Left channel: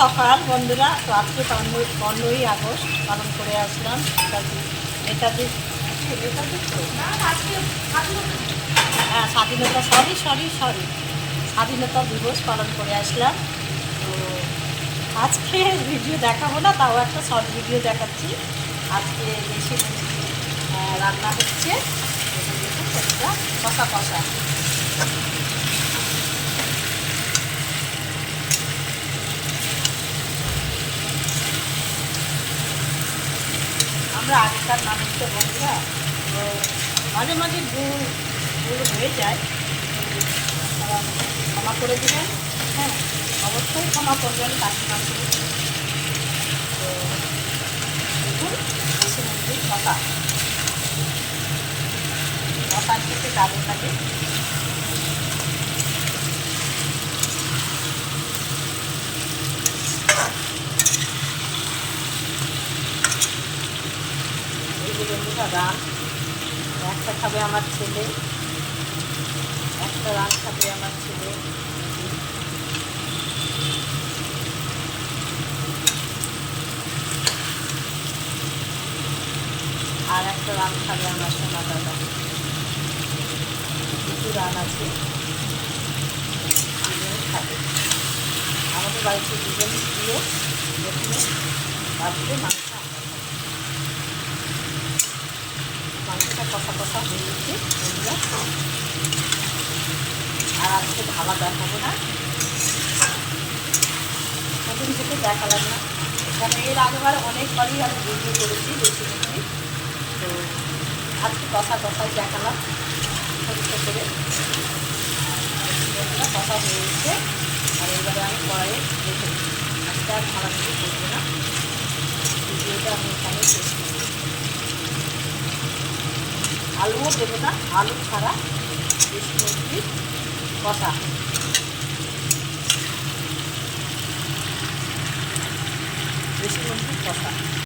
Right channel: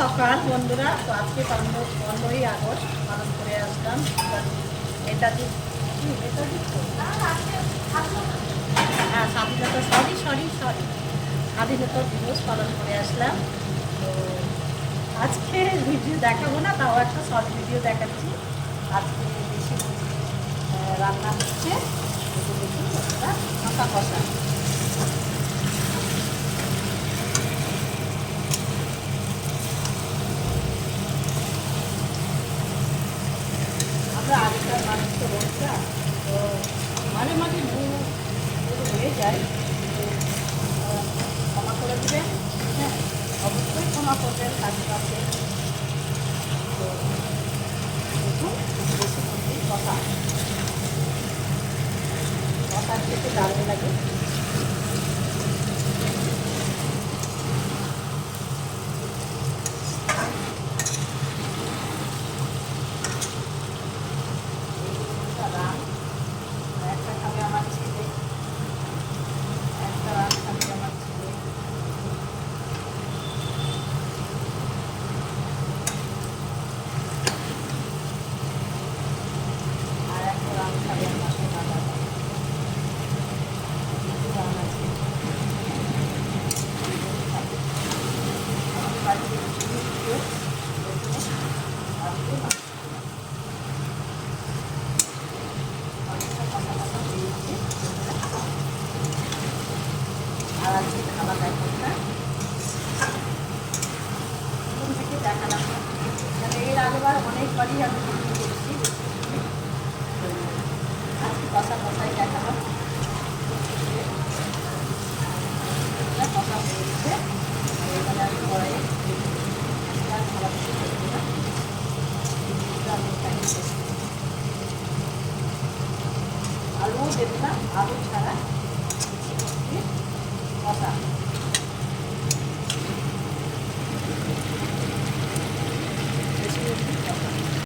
সকাল, বন্ধুরা। তো আজকে পনেরোই পনেরোই আগস্ট, পালন করে আসলাম নেতাজি। নেতাজি? নেতাজি? তো? হ্যাঁ স্বাধীনতা সরি সরি সরি স্বাধীনতা দিবস পালন করে আসলাম। তো আজকে ভিডিও দেখাবো না, তাও একটা শর্ট ভিডিও দেখাচ্ছি। আজকে বেশি রান্না হচ্ছে। দেখুন কষা কষা। আমরা আগেকার মানুষ তো তো মাঝে মাঝে ভুল ভুল হয়ে যায়। ক্ষমা করে দিবেন। হ্যাঁ অবশ্যই ক্ষমা করবেন কাছে কাছে তো দেখুন, বেশি মুরগির কথা। কথা খেতে দারুণ লাগে। যে বন্ধুরা রান একটা খাবে আমার ছেলে, একটা রান খাবে আমার ছেলে। আর একটা রান খাবে আমার সোনা দাদা। দুটো রান আছে। খাবে। আমাদের বাড়িতে দুজনই প্রিয় প্রথমে বাড়িতে মাংস কষা হয়ে গেছে আর আজকে ঢালা দেখাবো না প্রথম থেকে দেখালাম না কারণ এর আগেবার অনেকবারই আমি ভিডিও করেছি বেশি তো আজকে কষা কষাই দেখালাম ছোট্ট করে কষা হয়ে গেছে আর এবারে আমি কড়াইয়ে রেখে দিচ্ছি। আজকে আর ঢালা থেকে করব না। ভিডিওটা আমি এখানে শেষ করব আলুও দেবো না আলু ছাড়া দেশি মুরগির কষা। দেশি মুরগির কষা।